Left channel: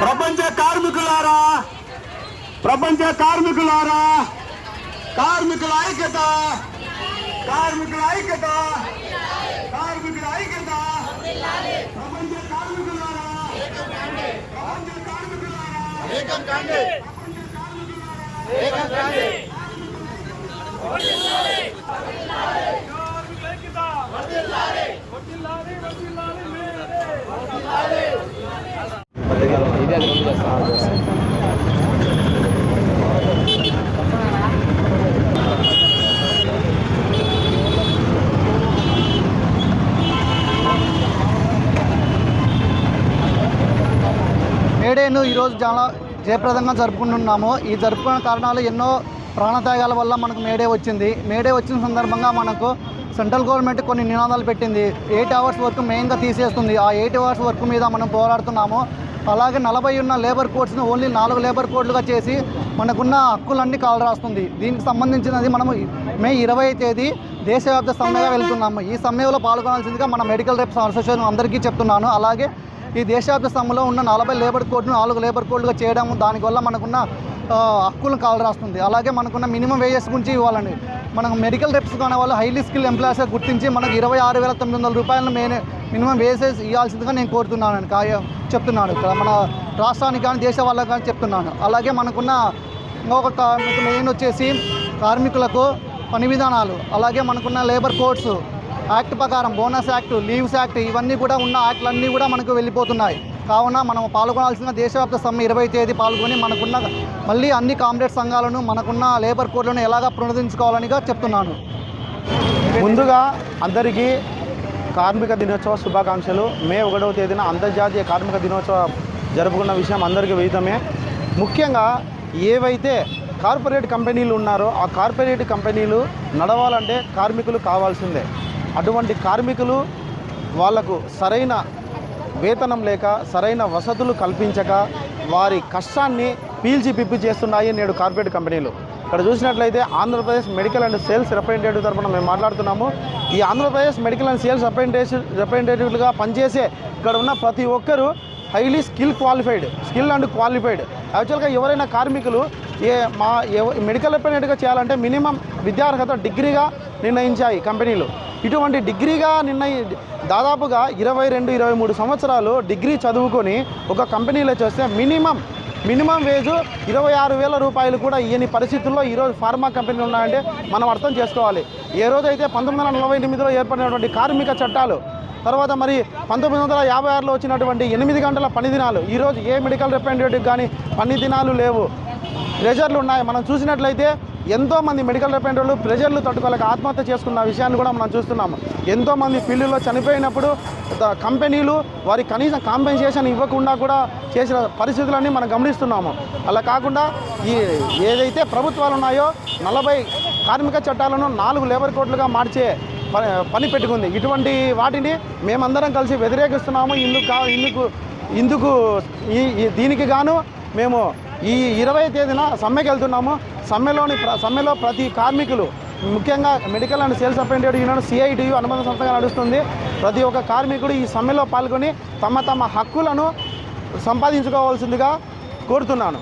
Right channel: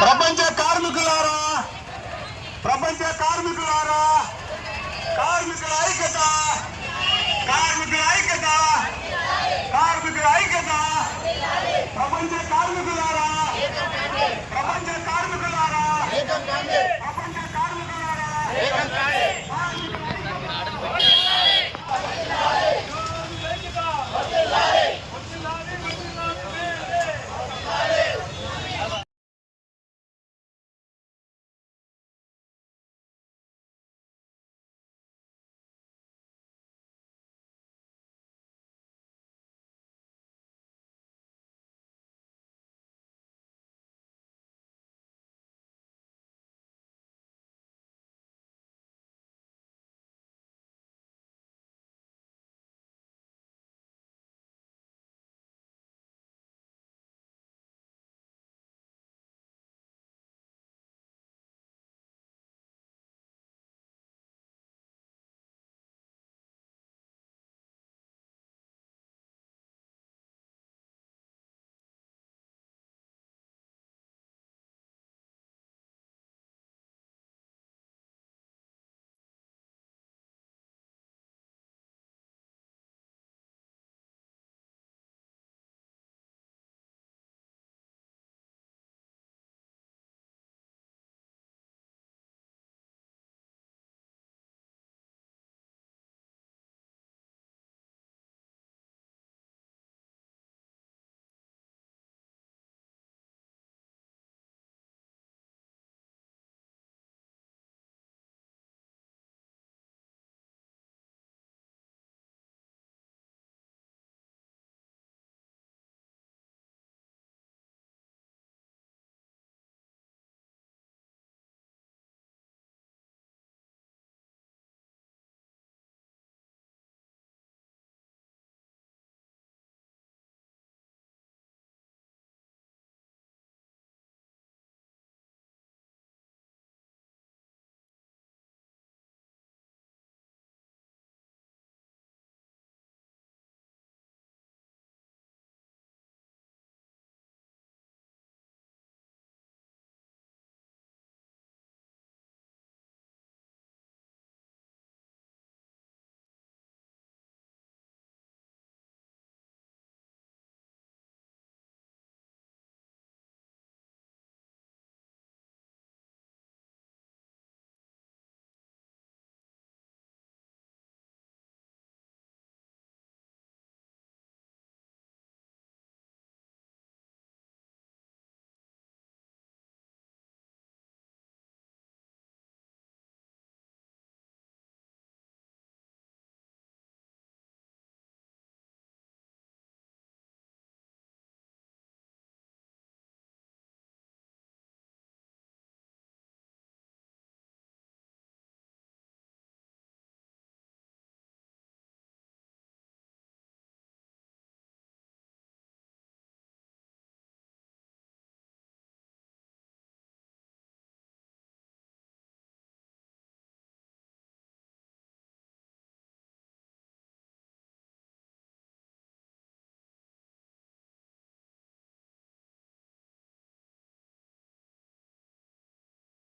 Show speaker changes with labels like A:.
A: ప్రపంచ కార్మికులారా ప్రపంచ కార్మికులారా కార్మికుల ఐక్యత కార్మికుల ఐక్యత కార్మికుల ఐక్యత. ప్రపంచ కార్మికులారా ప్రపంచ కార్మికులారా ప్రపంచ కార్మికులారా.
B: మేడేను ఈరోజు చాలా జయప్రదంగా జరుపుకుంటున్నాము. ఈ జరుపుకునే కారణాలు ఎన్నో ప్రాణత్యాగాల వల్ల మనకు మేడే వచ్చింది. మేడే వచ్చిన సందర్భంగా మనకు సెంట్రల్ గవర్నమెంట్ కొన్ని నినాదాలు పెట్టింది. ఎయిట్ అవర్స్ వర్క్ మెయిన్గా తీసేస్తుంది. ఆ ఎయిట్ అవర్స్ వర్క్ మీద మనం పోరాడుతున్నాము. అలాగే నలభై ఉన్న లేబర్ కోడ్స్ను ఓన్లీ నాలుగు లేబర్ కోడ్లుగా చేసి మనకున్న హక్కులన్నీ కాలరాస్తుంది. దీనికి సంబంధించినది మనము మే ఇరవై తేదీ దేశవ్యాప్త సమ్మెగా వెళ్తున్నాము. ఈ సమ్మెలో పాల్గొనాల్సిందిగా మన మెడికల్ రేప్స్ అసోసియేషన్ అందరికీ చెప్తున్నాను. అలాగే ఈ దేశవ్యాప్త సమ్మెలో ఉన్న నలభై లేబర్ కోడ్ను నాలుగు లేబర్ కోడ్లుగా చేయడం దానివల్ల మనకున్న హక్కులను కాలు రాస్తుంది అలాగే మనకున్న మినిమం వేజెస్ గురించి ఇవ్వాలండి. మనకు మెడికల్ రెప్స్ కాని వాళ్ళు హైలీ స్కిల్ ఎంప్లాయీస్గా గుర్తించి మనకు ఇరవై ఆరు వేల తొమ్మిది వందల రూపాయలను మెయిన్ మినిమం వేసేసి ఇవ్వాల్సిందిగా నేను కోరుతున్నాను కాయ చెప్తున్నాను ఇక్కడ. మన రాష్ట్రానికి కానీ దేశ వాళ్ళకి కానీ చెప్తున్నాను. అలాగే మనకున్న ఇంకొక కా- మెయిన్ వచ్చేసి కార్మికులకు పని విధానాలు. అలాగే మనకున్న లేబర్ కోడ్స్ యాక్ట్ ప్రకారం బోనస్ యాక్ట్ లీవ్స్ యాక్ట్ ఇవన్నీ కూడా ఉన్న యాక్ట్లన్నీ కూడా మనకు వెళ్ళిపోతున్నాయి. కావున మనం పాల్గొనాల్సిన దేశవ్యాప్త సమ్మె ఇరవై తేదీ పాల్గొని మనకున్న మళ్ళీ అన్ని కామ్రేడ్ సంఘాలను మనకున్న లేబర్ కోడ్లను ఎలాగా పునరుద్ధరించుకోవాలనిగా చెప్తున్నాను.
C: ముందుగా అందరికీ కార్మిక దినోత్సవ శుభాకాంక్షలు. మే ఒకటవ తేదీన అంతర్జాతీయ కార్మిక దినోత్సవం జరుపుకున్న విషయం అందరికీ విదితమే. ముఖ్యంగా ఏవైతే కార్పొరేట్ కంపెనీలు ఉన్నారో ఆ కార్పొరేట్ కంపెనీలు నడవాలంటే కార్మికులు కావాల్సిందే. అటువంటి కార్మికులు వాళ్ళకు సరైన వేతనం లేక సరైన వసతులు కల్పించక వారి కష్టాన్ని పీల్చి పిప్పి చేస్తున్నాయి నేడు కార్పొరేట్ కంపెనీలు. ఇక్కడ చూసినట్లయితే Andhra Pradesh medical and sales representative తరఫున మేము మాట్లాడుతున్నాము. ఈ Andhra Pradesh medical and sales representative రిప్రజెంటేటివ్లుగా పనిచేసే ఇక్కడ ఉన్న ప్రతి ఒక్కరూ highly skill qualified skill and qualified. యాక్చువల్గా ఎవరైనా కార్మికులు ఏ మా మెడికల్ రిప్రజెంటేటివ్గా చేయాలంటే మినిమం విద్యార్హత డిగ్రీగా నిర్ణయించాయి కంపెనీలు. ఇటువంటి డిగ్రీగా నిర్ణయి దాదాపుగా ఇరవై రెండు ఇరవై మూడు సంవత్సరాలు డిగ్రీ చదువుకొని ఒక కంపెనీలో చేస్తే మినిమం మినిమం వేజు ఇరవై ఆరు వేల రూపాయలు కూడా ఇయని పరిస్థితుల్లో ఈరోజు ఫార్మా కంపెనీలు ఉన్నాయంటే మనం అర్థం చేసుకోవాలి. ఏ రోజైతే పంతొమ్మిది వందల నలభై ఎనిమిదిలో ఏర్పడినటువంటి కార్మిక చట్టాలు తర్వాత మరి పంతొమ్మిది వందల యాభై ఆరులో వచ్చినటువంటి ఎనిమిది గంటల పని దినాలు ఈరోజు ఏ మెడికల్ రిప్రజెంటేటివ్ కానీ పని దినాలు లేవు. ప్రెజర్లు ఉన్నాయి. మనం చూసినట్లయితే ఎంతోమంది మెడికల్ రిప్రజెంటేటివ్లు ప్రెజర్లు తట్టుకోలేక ఆత్మహత్య చేసుకున్న విషయాన్ని కూడా మనం చూస్తున్నాము ఎంతోమంది ఫీల్డ్లో చనిపోయినప్పుడు కంపెనీలు వారి కనీసం కాంపెన్సేషన్ ఇవ్వకుండా కూడా చేసిన పరిస్థితులన్నీ మనం గమనిస్తున్నాము. అలా కాకుండా ఈ ఏదైతే ప్రభుత్వాలు ఉన్నాయో నలభై కార్మిక చట్టాలను నాలుగు లేబర్ కోడ్లుగా మార్చే పని పెట్టుకుంది. ఇటువంటి వాటిని మేమందరం కలిసి వ్యతిరేకిస్తున్నాము. ఇందుకు ఇందుకు ఇందుకు ఈ ఈ- దీనికి గాను మేము ఈ ఇరవై తేదీన సమ్మెకి వెళ్తున్నాము. సమ్మెలోని సమ్మెలో ప్రతి కార్మికులు ముఖ్యంగా medical and sales representative union CITU అనుబంధ సంస్థగా నడుస్తుంది. ప్రతి ఒక్క కార్మికుడు ఈ సమ్మెలో పాల్గొని తమ తమ హక్కులను సంపాదించుకోవాల్సిందిగా కోరుతున్నాను.